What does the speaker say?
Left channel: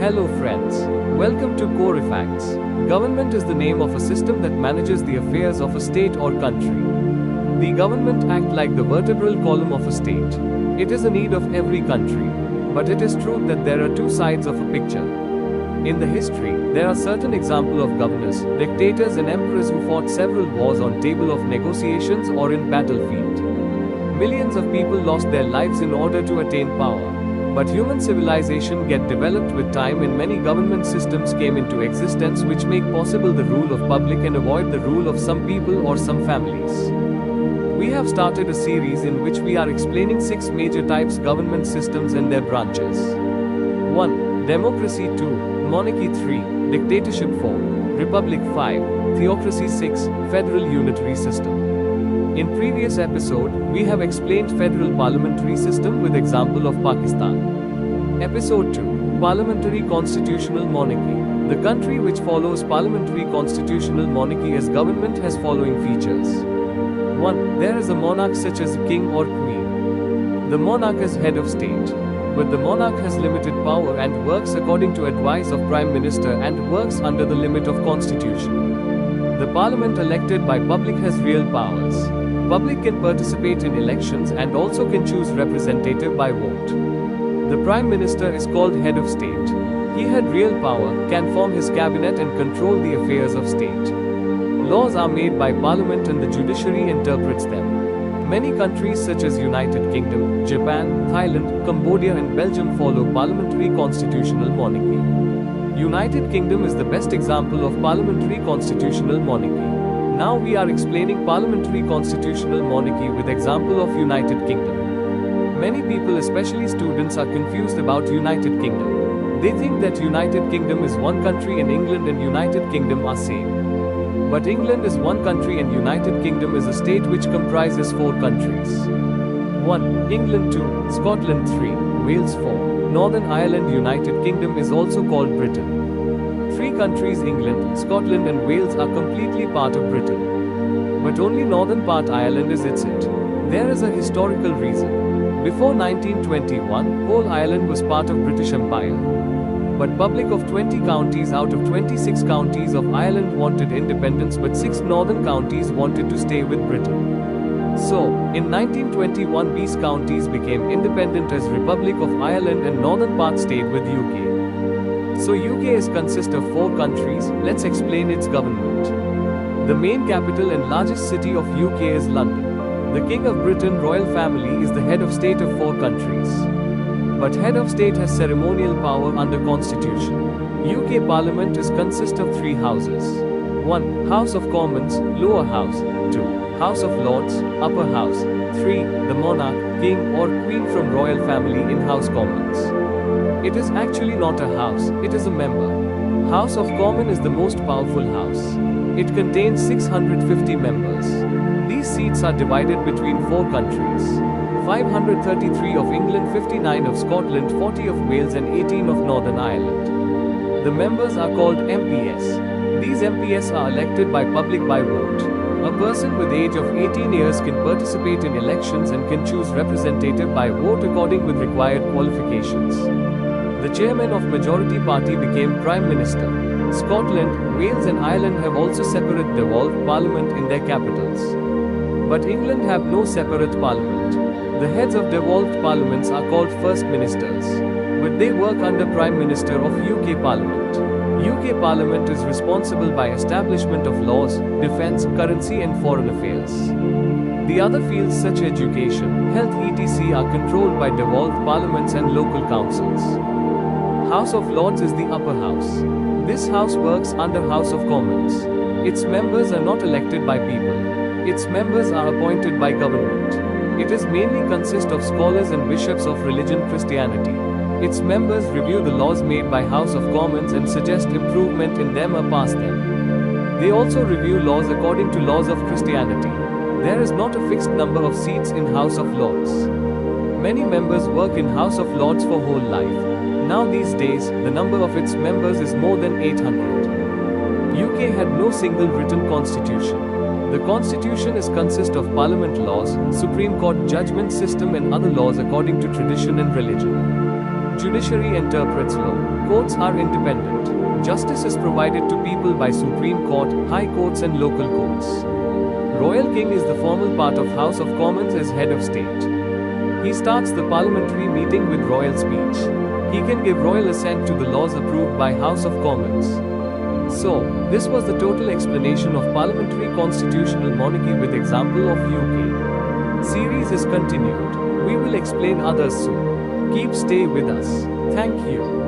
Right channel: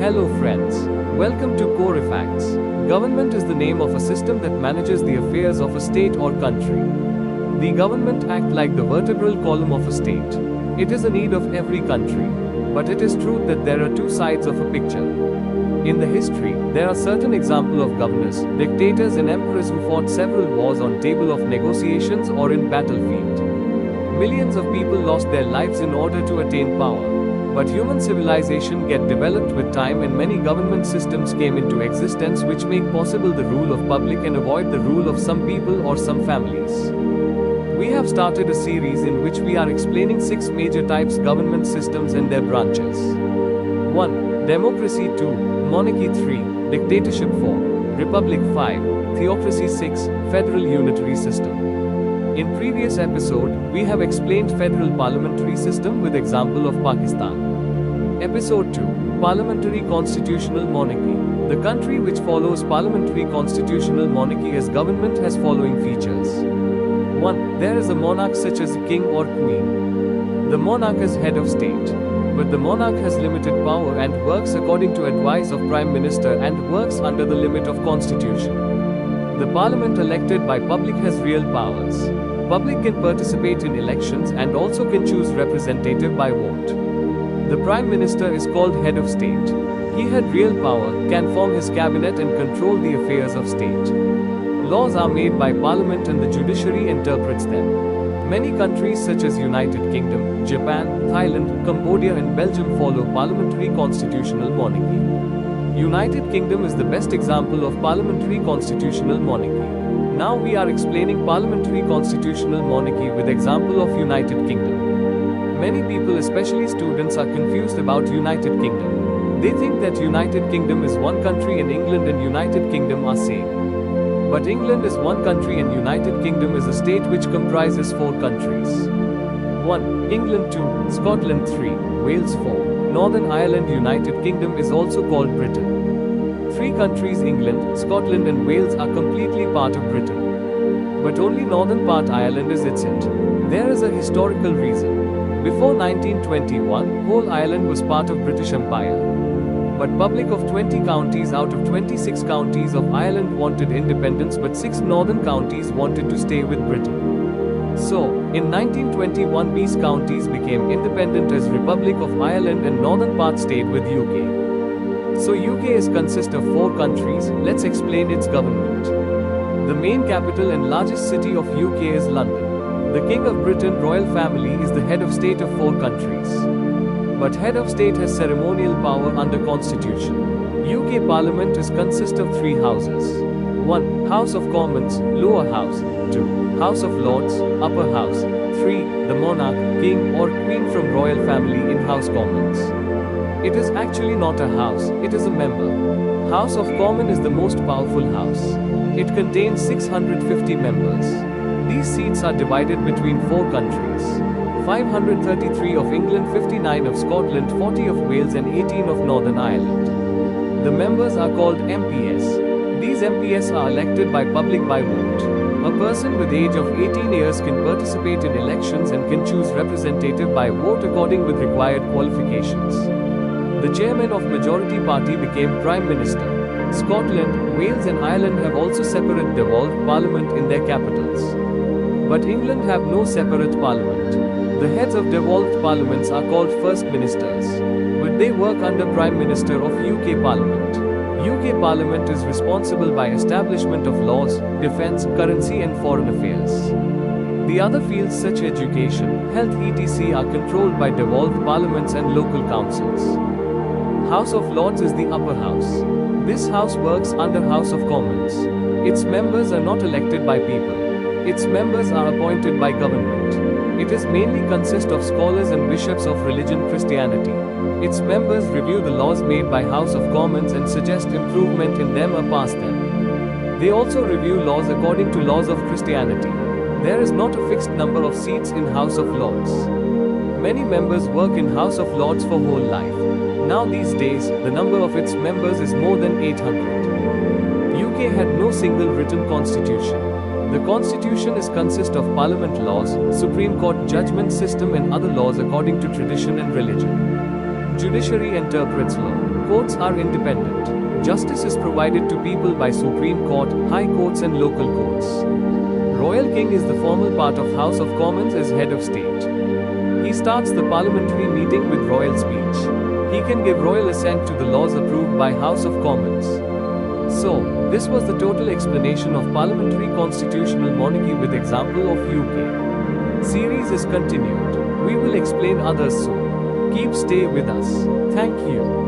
Hello friends. Welcome to Core Facts. Government is the name of a system that manages the affairs of a state or country. The government acts like the vertebral column of a state. It is a need of every country. But it is true that there are two sides of a picture. In the history, there are certain examples of governors, dictators and emperors who fought several wars on table of negotiations or in battlefield. Millions of people lost their lives in order to attain power. But human civilization get developed with time and many government systems came into existence which make possible the rule of public and avoid the rule of some people or some families. We have started a series in which we are explaining 6 major types government systems and their branches. 1. Democracy. 2. Monarchy. 3. Dictatorship. 4. Republic. 5. Theocracy. 6. Federal unitary system. In previous episode, we have explained federal parliamentary system with example of Pakistan. Episode 2. Parliamentary constitutional monarchy. The country which follows parliamentary constitutional monarchy as government has following features. 1. There is a monarch such as a king or queen. The monarch is head of state. But the monarch has limited power and works according to advice of prime minister and works under the limit of constitution. The parliament elected by public has real powers. Public can participate in elections and also can choose representative by vote. The Prime Minister is called head of state. He had real power, can form his cabinet and control the affairs of state. Laws are made by Parliament and the judiciary interprets them. Many countries such as United Kingdom, Japan, Thailand, Cambodia and Belgium follow parliamentary constitutional monarchy. United Kingdom is the best example of parliamentary constitutional monarchy. Now we are explaining parliamentary constitutional monarchy with example of United Kingdom. Many people, especially students, are confused about United Kingdom. They think that United Kingdom is one country and England and United Kingdom are same. But England is one country and United Kingdom is a state which comprises 4 countries. 1. England. 2. Scotland. 3. Wales. 4. Northern Ireland. United Kingdom is also called Britain. 3 countries England, Scotland and Wales are completely part of Britain. But only northern part Ireland is it. There is a historical reason. Before 1921, whole Ireland was part of British Empire. But public of 20 counties out of 26 counties of Ireland wanted independence but 6 northern counties wanted to stay with Britain. So, in 1921 these counties became independent as Republic of Ireland and northern part stayed with UK. So UK is consist of 4 countries, let's explain its government. The main capital and largest city of UK is London. The King of Britain royal family is the head of state of 4 countries. But head of state has ceremonial power under constitution. UK Parliament is consist of 3 houses. 1. House of Commons, lower house. 2. House of Lords, upper house. 3. The monarch, king or queen from royal family in House Commons. It is actually not a house, it is a member. House of Commons is the most powerful house. It contains 650 members. These seats are divided between 4 countries. 533 of England, 59 of Scotland, 40 of Wales and 18 of Northern Ireland. The members are called MPs. These MPs are elected by public by vote. A person with age of 18 years can participate in elections and can choose representative by vote according with required qualifications. The chairman of majority party became Prime Minister. Scotland, Wales and Ireland have also separate devolved parliament in their capitals. But England have no separate parliament. The heads of devolved parliaments are called First Ministers. But they work under Prime Minister of UK Parliament. UK Parliament is responsible by establishment of laws, defence, currency and foreign affairs. The other fields such education, health etc. are controlled by devolved parliaments and local councils. House of Lords is the upper house. This house works under House of Commons. Its members are not elected by people. Its members are appointed by government. It is mainly consist of scholars and bishops of religion Christianity. Its members review the laws made by House of Commons and suggest improvement in them or pass them. They also review laws according to laws of Christianity. There is not a fixed number of seats in House of Lords. Many members work in House of Lords for whole life. Now these days, the number of its members is more than 800. UK had no single written constitution. The constitution is consist of parliament laws, Supreme Court judgment system and other laws according to tradition and religion. Judiciary interprets law. Courts are independent. Justice is provided to people by Supreme Court, High Courts and local courts. Royal King is the formal part of House of Commons as head of state. He starts the parliamentary meeting with royal speech. He can give royal assent to the laws approved by House of Commons. So, this was the total explanation of parliamentary constitutional monarchy with example of UK. Series is continued. We will explain others soon. Keep stay with us. Thank you.